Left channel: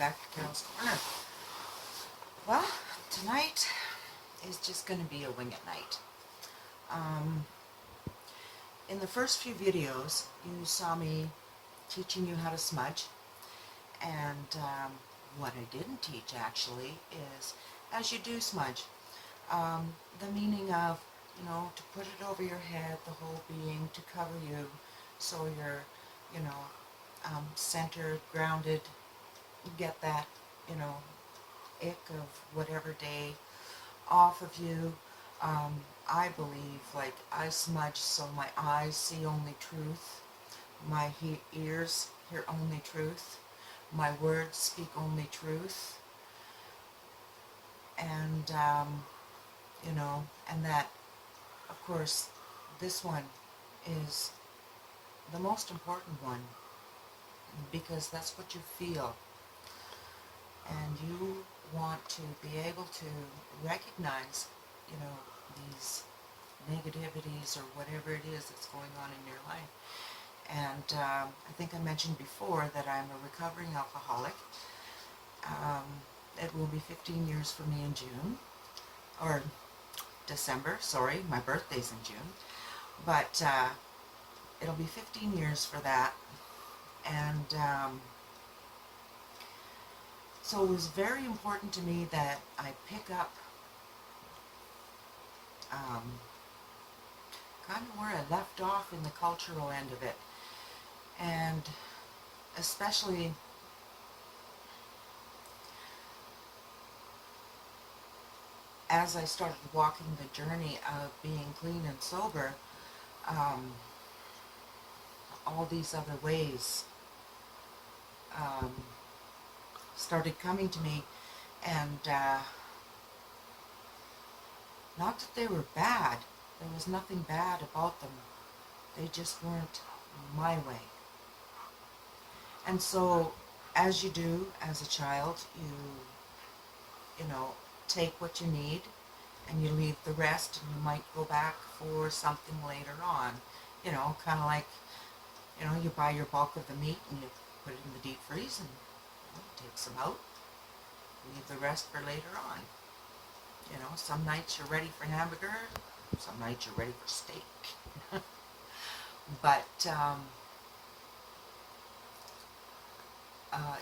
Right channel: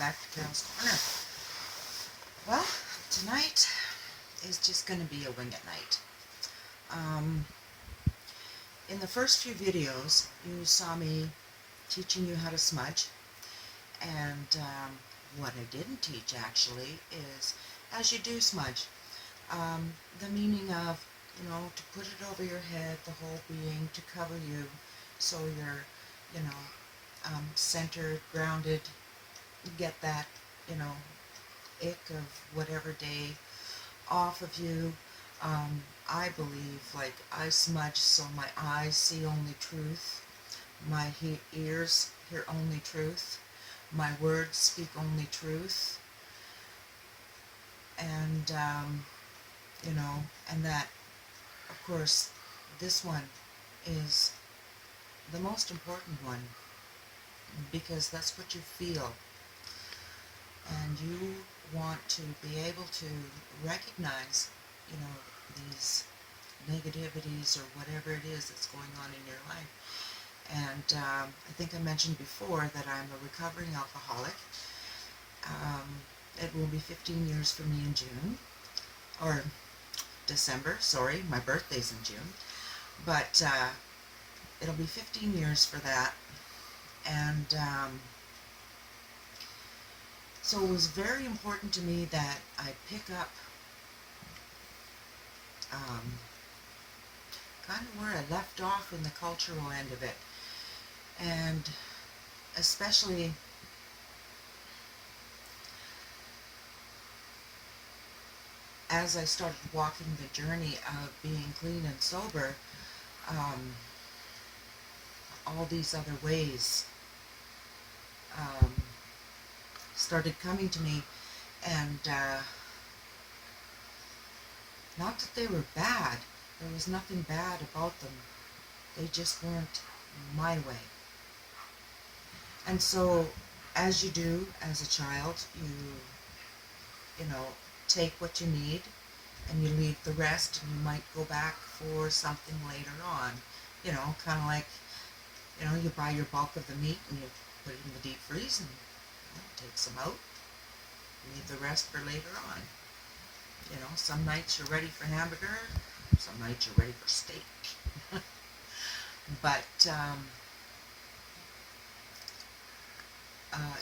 back to Carol's Corner. Well, tonight is just going to be a wing it night. Um, in the first few videos, you saw me teaching you how to smudge, and what I didn't teach actually is, as you do smudge, the meaning of, to put it over your head, the whole being, to cover you, so you're, centered, grounded, get that, ick of whatever day off of you. I believe, like, I smudge so my eyes see only truth, my ears hear only truth, my words speak only truth, and, and that, of course, this one is the most important one, because that's what you feel. And you want to be able to recognize, these negativities or whatever it is that's going on in your life. And I think I mentioned before that I'm a recovering alcoholic. It will be 15 years for me in June, or December, sorry, my birthday's in June. But it'll be 15 years for that. And so it was very important to me that I pick up kind of where I left off in the cultural end of it. And especially as I started walking the journey of being clean and sober, all these other ways started coming to me, and not that they were bad. There was nothing bad about them. They just weren't my way. And so, as you do as a child, you take what you need and you leave the rest, and you might go back for something later on. Kind of like, you buy your bulk of the meat and you put it in the deep freeze and take some out, leave the rest for later on. Some nights you're ready for hamburger, some nights you're ready for steak. But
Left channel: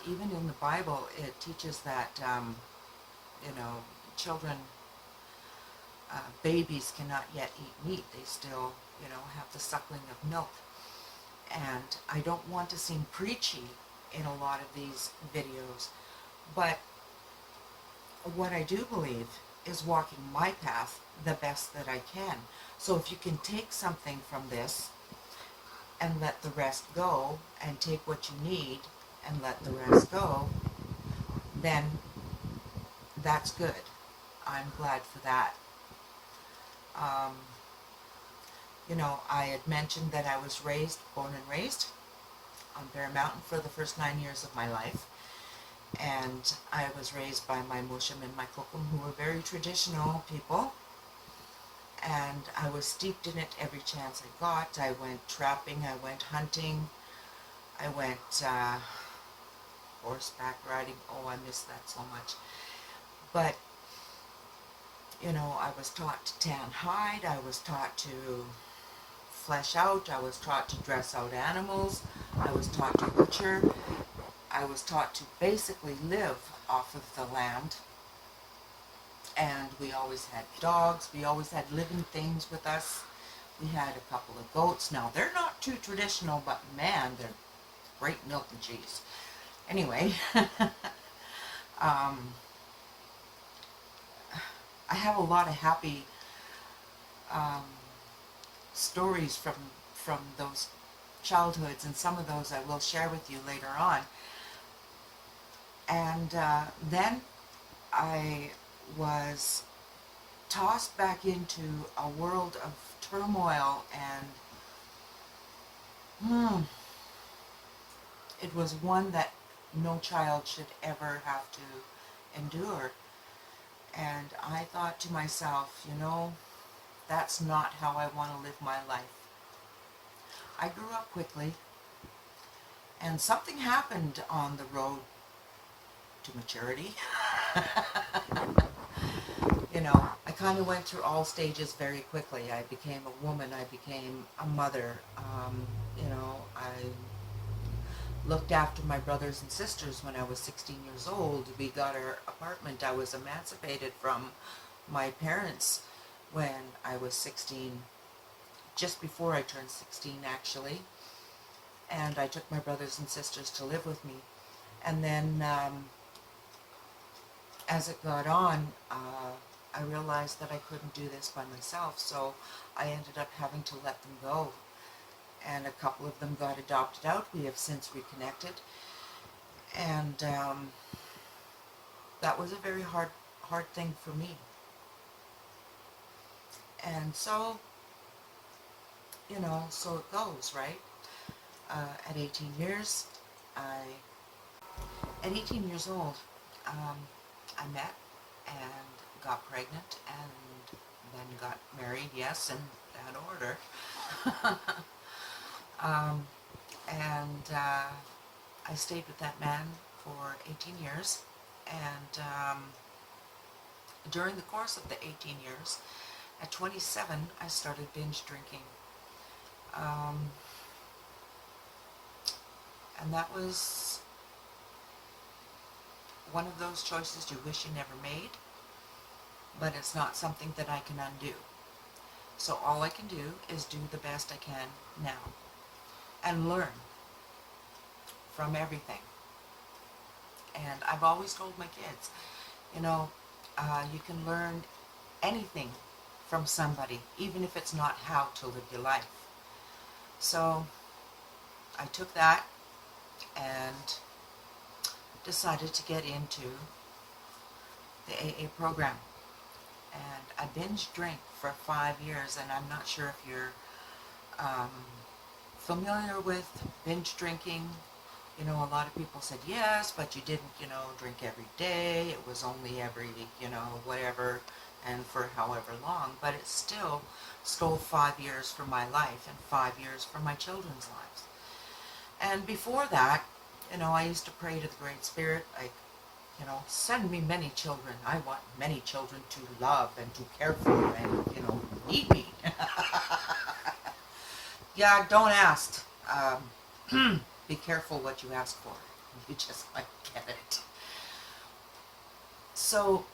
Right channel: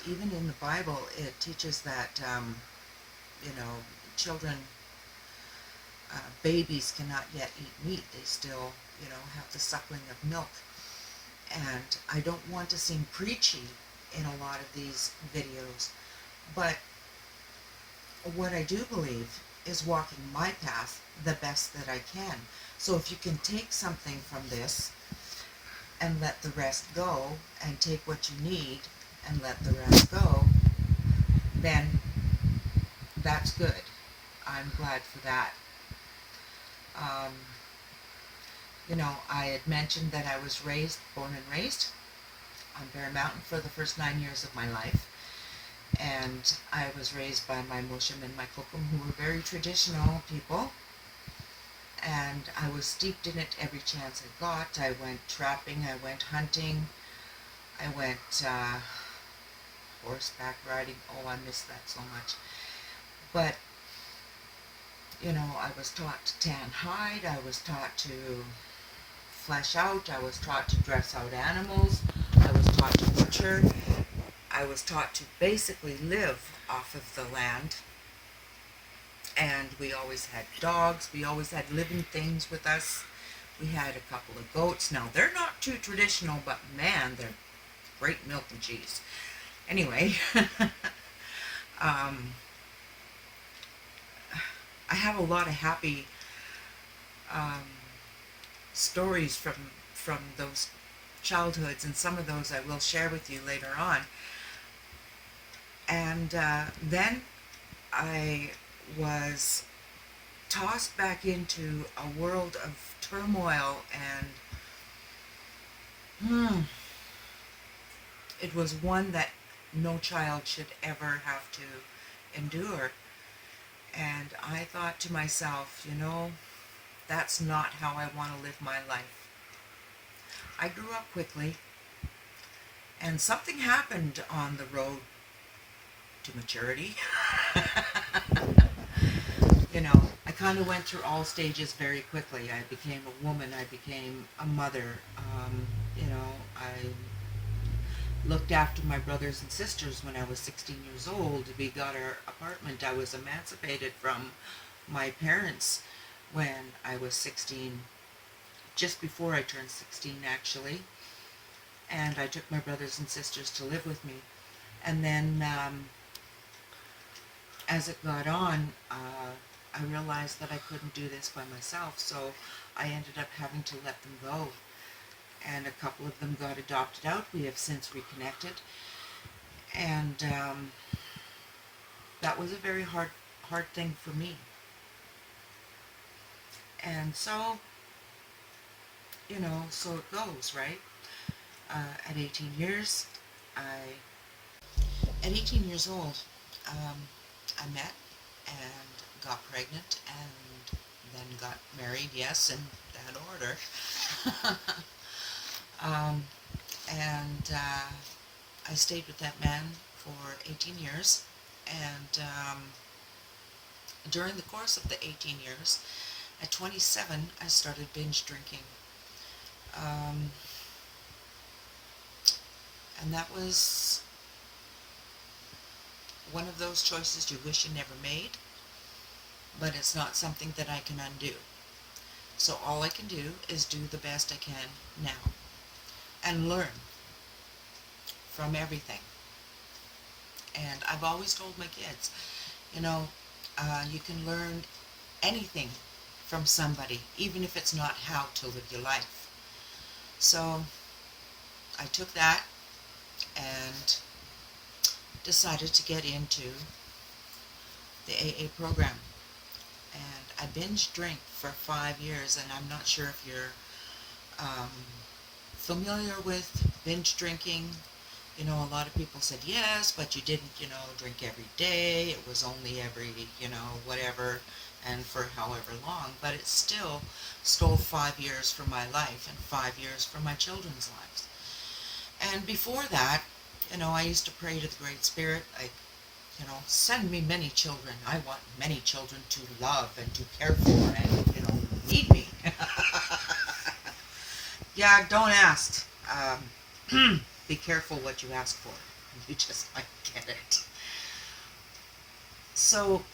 even in the Bible, it teaches that, children, babies cannot yet eat meat. They still, have the suckling of milk. And I don't want to seem preachy in a lot of these videos, but what I do believe is walking my path the best that I can. So if you can take something from this and let the rest go, and take what you need and let the rest go, then that's good. I'm glad for that. I had mentioned that I was born and raised on Bear Mountain for the first 9 years of my life. And I was raised by my Mushim and my Kokum, who were very traditional people. And I was steeped in it every chance I got. I went trapping, I went hunting, I went horseback riding. Oh, I miss that so much. But, I was taught to tan hide, I was taught to flesh out, I was taught to dress out animals, I was taught to butcher, I was taught to basically live off of the land. And we always had dogs, we always had living things with us. We had a couple of goats. Now, they're not too traditional, but man, they're great milk and cheese. Anyway, I have a lot of happy stories from those childhoods, and some of those I will share with you later on. And then I was tossed back into a world of turmoil, and it was one that no child should ever have to endure. And I thought to myself, that's not how I want to live my life. I grew up quickly, and something happened on the road to maturity. You know, I kind of went through all stages very quickly. I became a woman, I became a mother, you know, I looked after my brothers and sisters when I was 16 years old. We got our apartment. I was emancipated from my parents when I was 16, just before I turned 16 actually. And I took my brothers and sisters to live with me. And then as it got on, I realized that I couldn't do this by myself, so I ended up having to let them go. And a couple of them got adopted out. We have since reconnected. And that was a very hard thing for me. And so, you know, so it goes, right? At 18 years, at 18 years old, I met and got pregnant and then got married, yes, in that order. And I stayed with that man for 18 years, and during the course of the 18 years, at 27, I started binge drinking. And that was one of those choices you wish you never made, but it's not something that I can undo. So all I can do is do the best I can now and learn from everything. And I've always told my kids, you know, you can learn anything from somebody, even if it's not how to live your life. So I took that and decided to get into the AA program. And I binge drank for 5 years, and I'm not sure if you're familiar with binge drinking. You know, a lot of people said yes, but you didn't, you know, drink every day. It was only every, you know, whatever, and for however long. But it still stole 5 years from my life and 5 years from my children's lives. And before that, you know, I used to pray to the Great Spirit, like, you know, send me many children. I want many children to love and to care for and, you know, need me. Yeah, don't ask. Be careful what you ask for. You just might get it. So,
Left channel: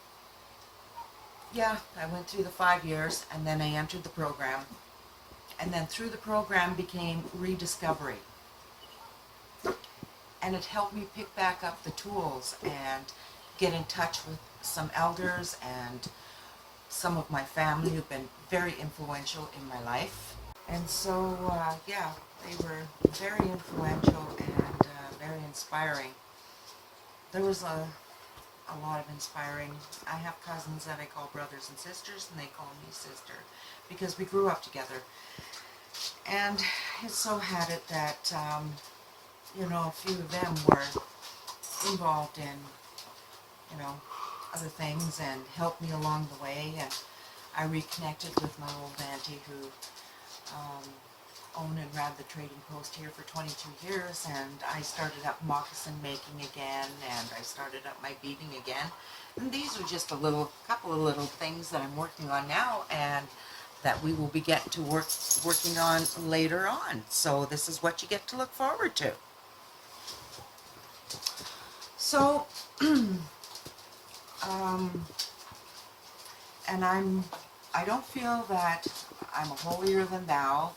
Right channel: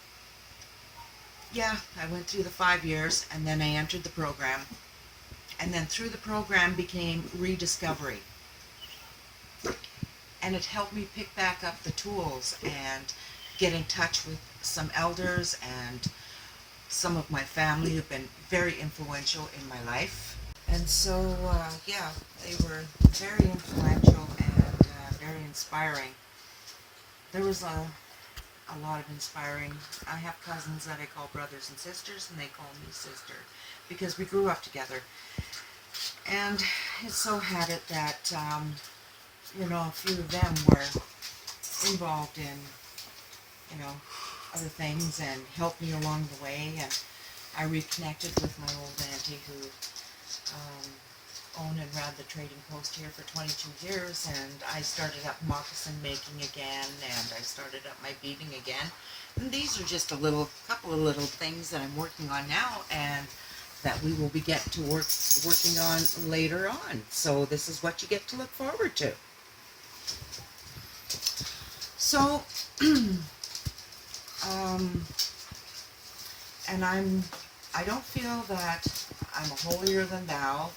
yeah, I went through the 5 years, and then I entered the program. And then through the program became rediscovery. And it helped me pick back up the tools and get in touch with some elders and some of my family who've been very influential in my life. And so, yeah, they were very influential and very inspiring. There was a lot of inspiring. I have cousins that I call brothers and sisters, and they call me sister, because we grew up together. And it so had it that, you know, a few of them were involved in, you know, other things and helped me along the way. And I reconnected with my old auntie who owned and ran the trading post here for 22 years, and I started up moccasin making again, and I started up my beading again. And these are just a couple of little things that I'm working on now, and that we will be getting to working on later on. So this is what you get to look forward to. So, and I don't feel that I'm a holier than thou,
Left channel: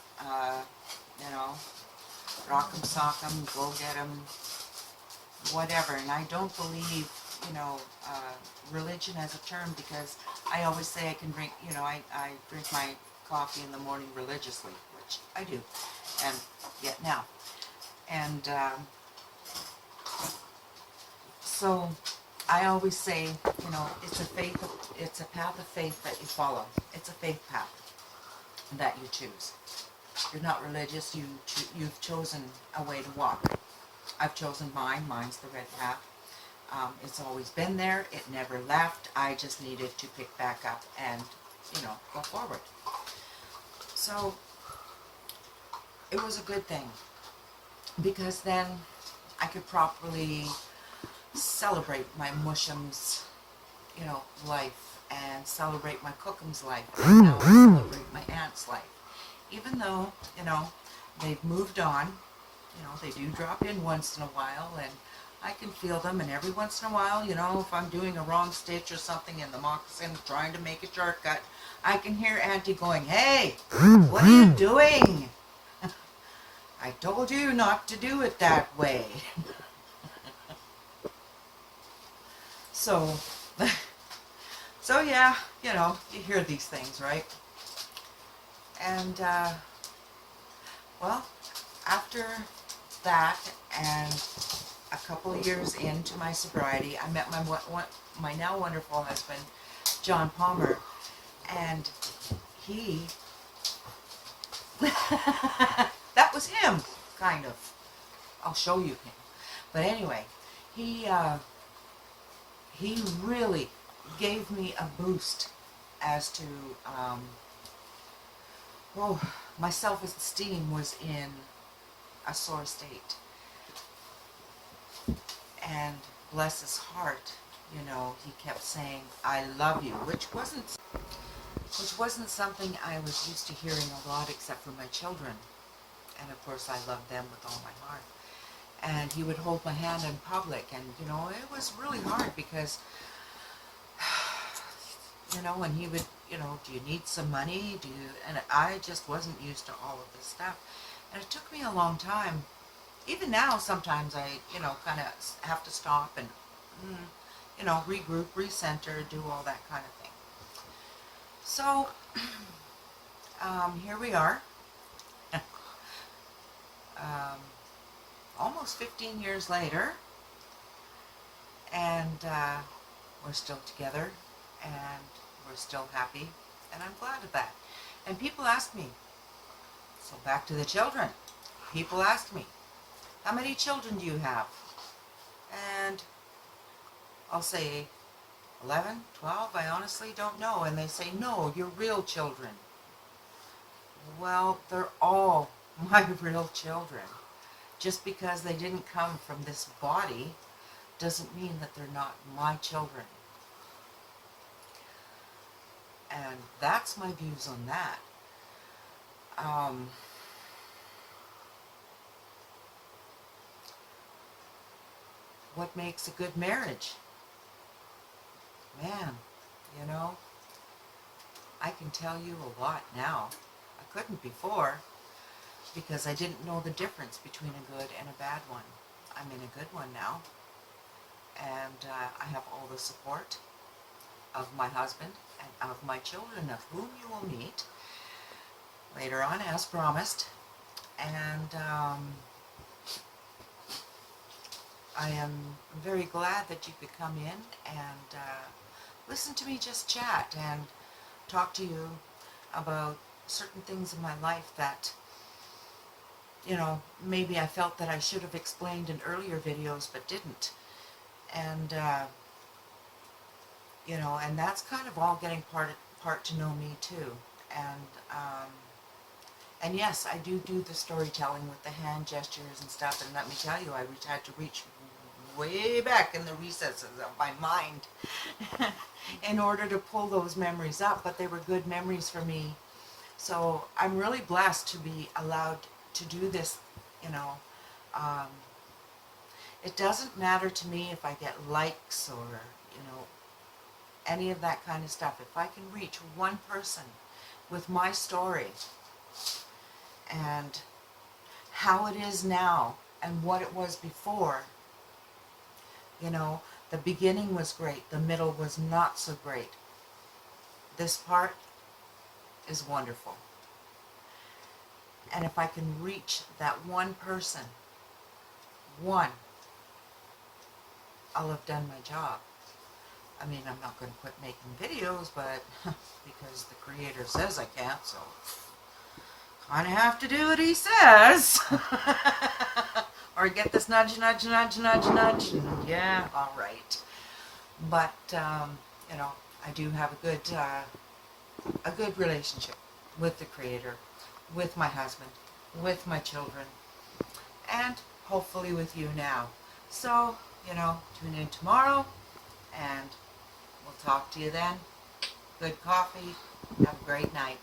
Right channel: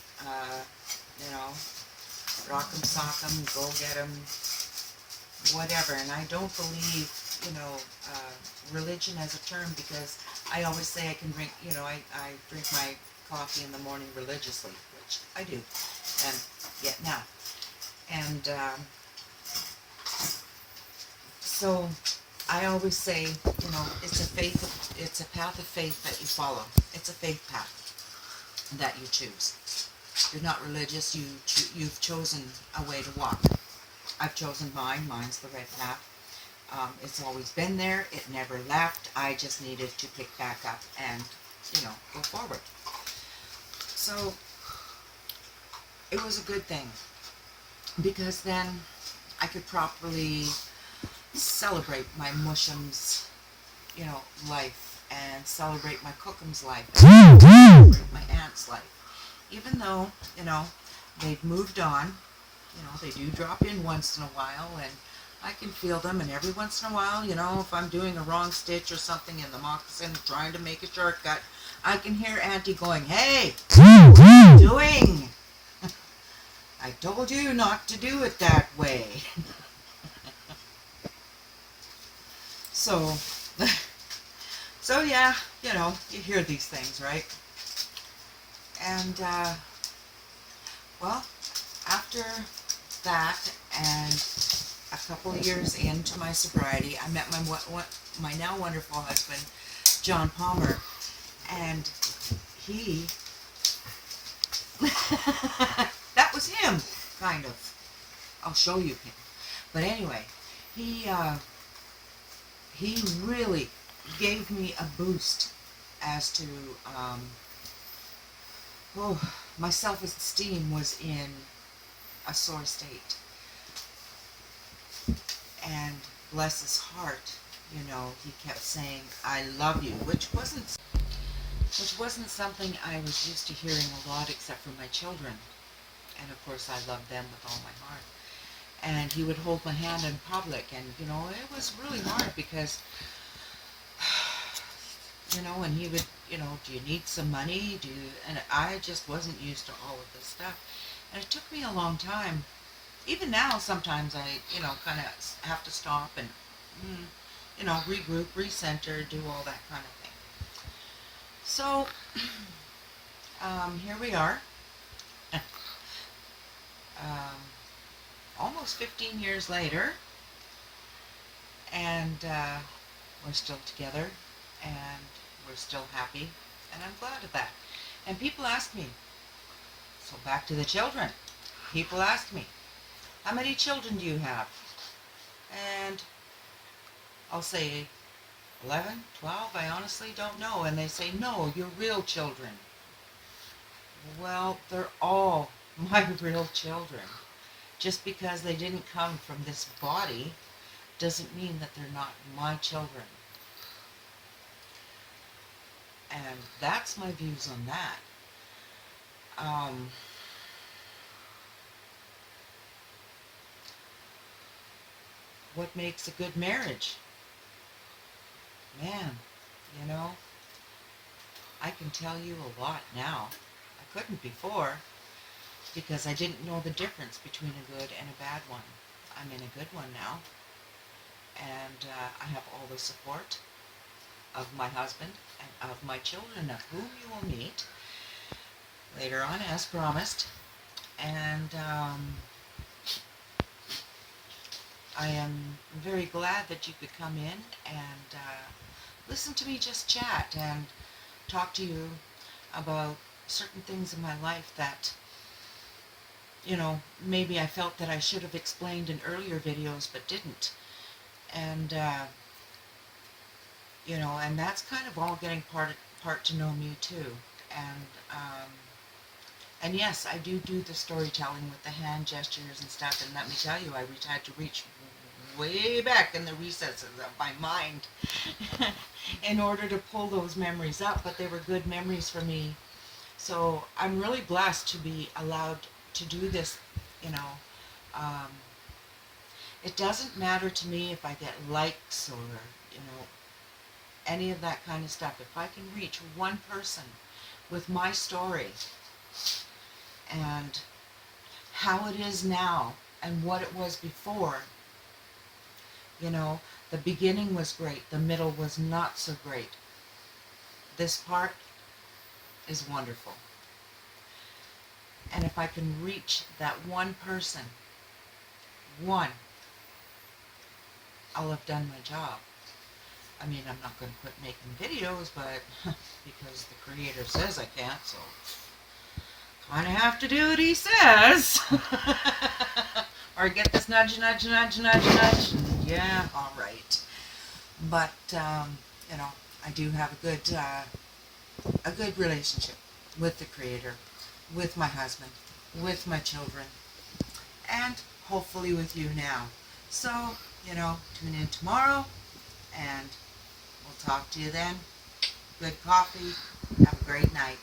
you know, rock 'em, sock 'em, go get 'em, whatever. And I don't believe, you know, religion as a term, because I always say I can drink, you know, I drink my coffee in the morning religiously, which I do, and yet now. And so I always say, you know, it's a path of faith that you follow. It's a faith path that you choose. You're not religious, you've chosen a way to walk. I've chosen mine. Mine's the red path. It's always been there. It never left. I just needed to pick back up and, you know, go forward. So it was a good thing, because then I could properly celebrate my mushum's, life, and celebrate my cookum's life, and celebrate my aunt's life. Even though, they've moved on, they do drop in once in a while, and I can feel them, and every once in a while, if I'm doing a wrong stitch or something in the moccasin, trying to make a shortcut, I can hear Auntie going, "Hey, what are you doing? I told you not to do it that way." So, so yeah, you hear these things, right? And, well, after that, and a couple of years into my sobriety, I met my now wonderful husband, John Palmer, and he, that was him, kind of. I'll show you him. But anyway, he really gave me a boost as to, my self-esteem was in a sore state. And bless his heart, he kept saying, "I love you," which wasn't something I was used to hearing a lot, except for my children. And of course I loved them with all my heart. And he would hold my hand in public, and it was really hard because, and he would, "Do you need some money? And I just wasn't used to all of this stuff. And it took me a long time. Even now, sometimes I, kind of have to stop and, regroup, recenter, do all that kind of thing. So, here we are. Almost 15 years later, and we're still together, and we're still happy, and I'm glad of that. And people ask me, so back to the children, people ask me, "How many children do you have?" And I'll say 11, 12, I honestly don't know. And they say, "No, you're real children." Well, they're all my real children. Just because they didn't come from this body doesn't mean that they're not my children. And that's my views on that. What makes a good marriage? Man, I can tell you a lot now. I couldn't before, because I didn't know the difference between a good and a bad one. I'm in a good one now, and I have all the support of my husband and of my children, of whom you will meet later on, as promised. And I am very glad that you could come in and listen to me just chat and talk to you about certain things in my life that, maybe I felt that I should have explained in earlier videos but didn't. And, and that's kind of all getting part to know me too. And yes, I do the storytelling with the hand gestures and stuff, and let me tell you, I had to reach way back in the recesses of my mind in order to pull those memories up, but they were good memories for me. So I'm really blessed to be allowed to do this, it doesn't matter to me if I get likes or, any of that kind of stuff. If I can reach one person with my story and how it is now and what it was before, the beginning was great, the middle was not so great. This part is wonderful. And if I can reach that one person, I'll have done my job. I mean, I'm not going to quit making videos, but because the Creator says I can't, so kind of have to do what He says. Or get this nudge, nudge, nudge, nudge, nudge, and yeah, all right. But, I do have a good relationship with the Creator, with my husband, with my children, and hopefully with you now. So, tune in tomorrow, and we'll talk to you then. Good coffee. Have a great night.